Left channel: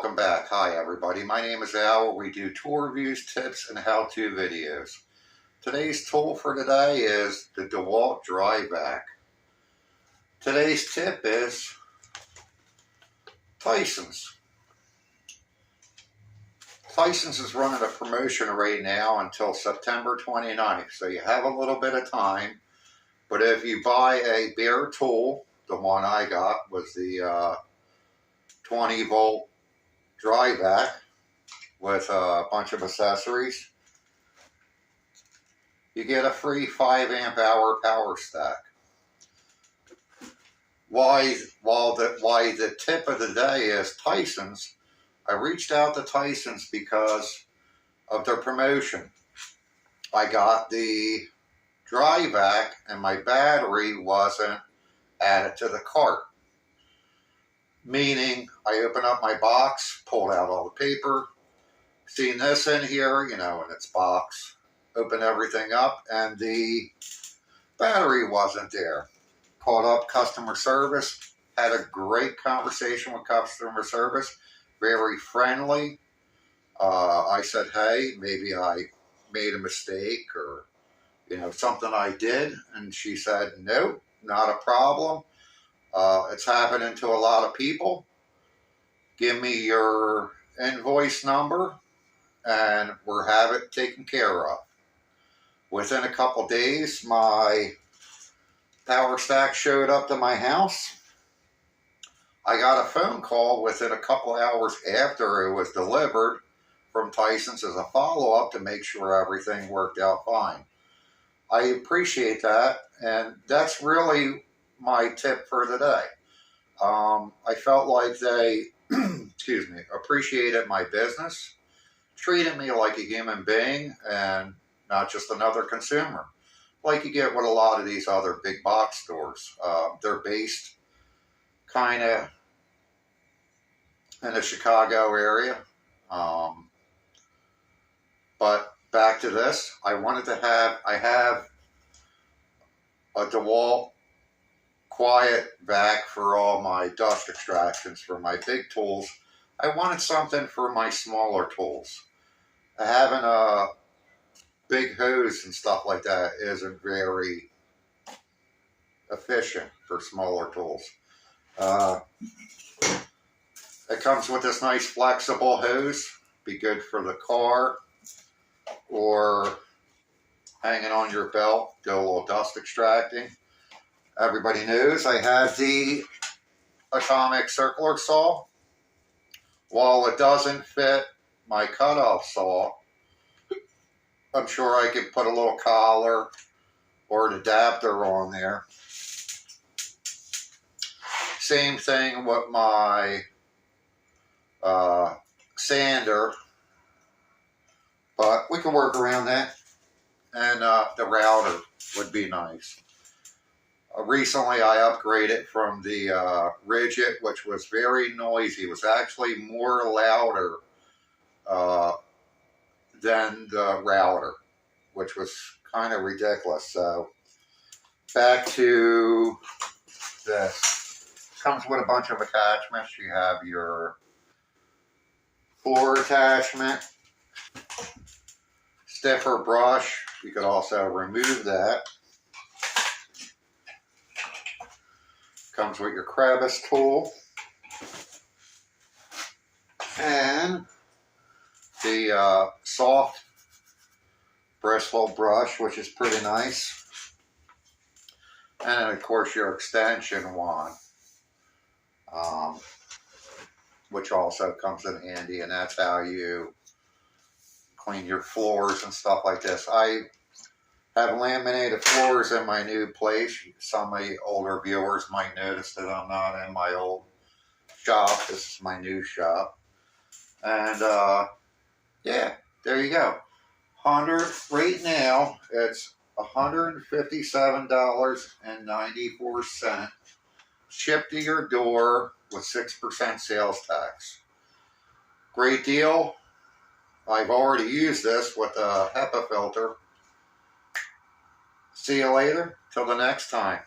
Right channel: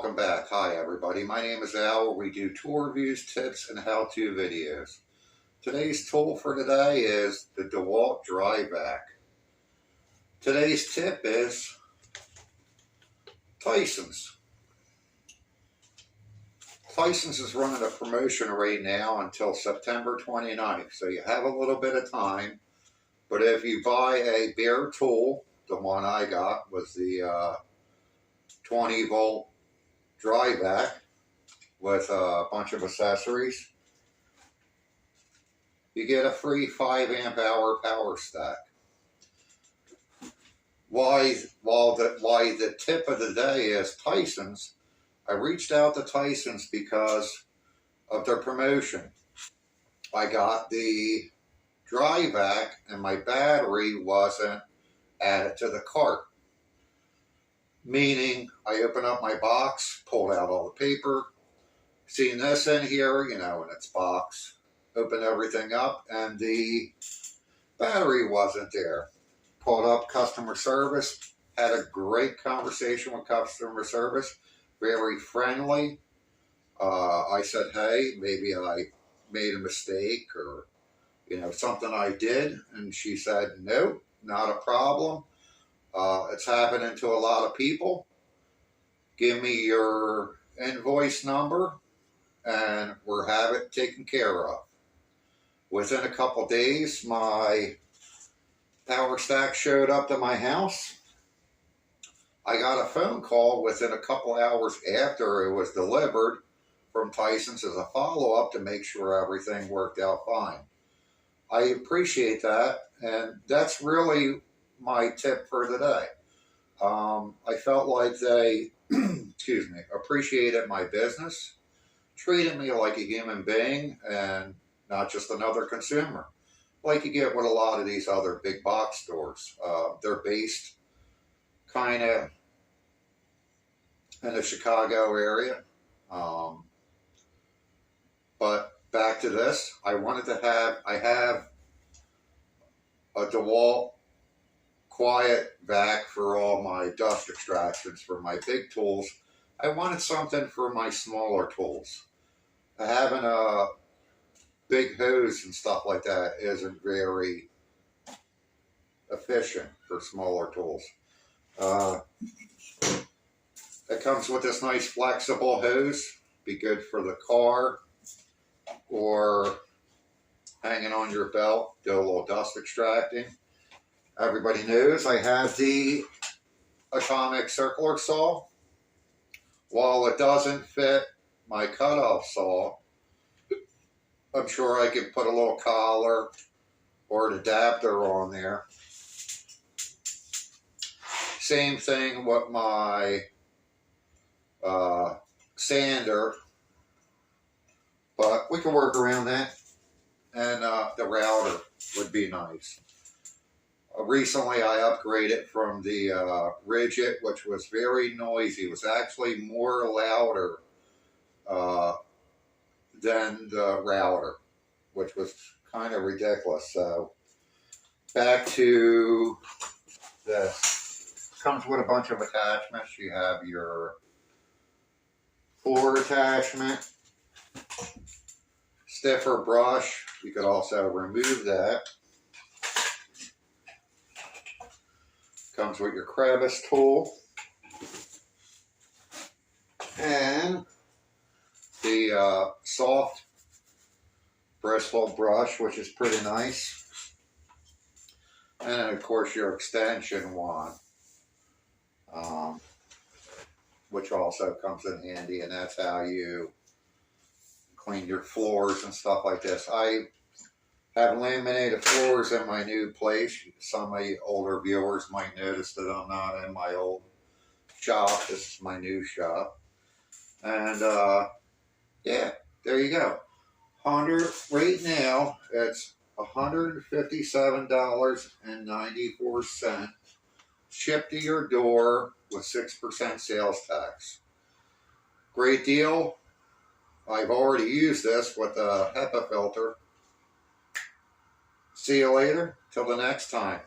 welcome back. Hi everybody, my name is Al. We do tool reviews, tips, and how-to videos. Today's tool for today is the DeWalt dry vac. Today's tip is Tyson's. Tyson's is running a promotion right now until September 29th, so you have a little bit of time. But if you buy a bare tool, the one I got was the 20 volt dry vac with a bunch of accessories, you get a free 5 amp hour power stack. Why the tip of the day is Tyson's. I reached out to Tyson's because of their promotion. I got the dry vac and my battery wasn't added to the cart. Meaning, I opened up my box, pulled out all the paper, seen this in here, you know, in its box, opened everything up, and the battery wasn't there. Called up customer service, had a great conversation with customer service, very friendly. I said, hey, maybe I made a mistake or, you know, something I did, and she said, nope, not a problem. It's happening to a lot of people. Give me your invoice number and we'll have it taken care of. Within a couple days, my power stack showed up to my house. I got a phone call within a couple hours after it was delivered from Tyson's as a follow-up to make sure everything worked out fine. I appreciate that, and that's really my tip for the day. I felt like they, excuse me, appreciated my business, treated me like a human being and not just another consumer, like you get with a lot of these other big box stores. They're based kind of in the Chicago area. But back to this, I have a DeWalt quiet vac for all my dust extractions for my big tools. I wanted something for my smaller tools. Having a big hose and stuff like that isn't very efficient for smaller tools. It comes with this nice flexible hose. Be good for the car or hanging on your belt, do a little dust extracting. Everybody knows I have the atomic circular saw. While it doesn't fit my cutoff saw, I'm sure I could put a little collar or an adapter on there. Same thing with my sander, but we can work around that. And the router would be nice. Recently, I upgraded from the Rigid, which was very noisy. It was actually more louder than the router, which was kind of ridiculous. So, back to this. Comes with a bunch of attachments. You have your floor attachment, stiffer brush. You could also remove that. Comes with your crevice tool and the soft bristle brush, which is pretty nice, and then of course your extension wand, which also comes in handy, and that's how you clean your floors and stuff like this. I have laminated floors in my new place. Some of my older viewers might notice that I'm not in my old shop. This is my new shop. And yeah, there you go. Right now, it's $157.94 shipped to your door with 6% sales tax. Great deal. I've already used this with a HEPA filter. See you later. Till the next time.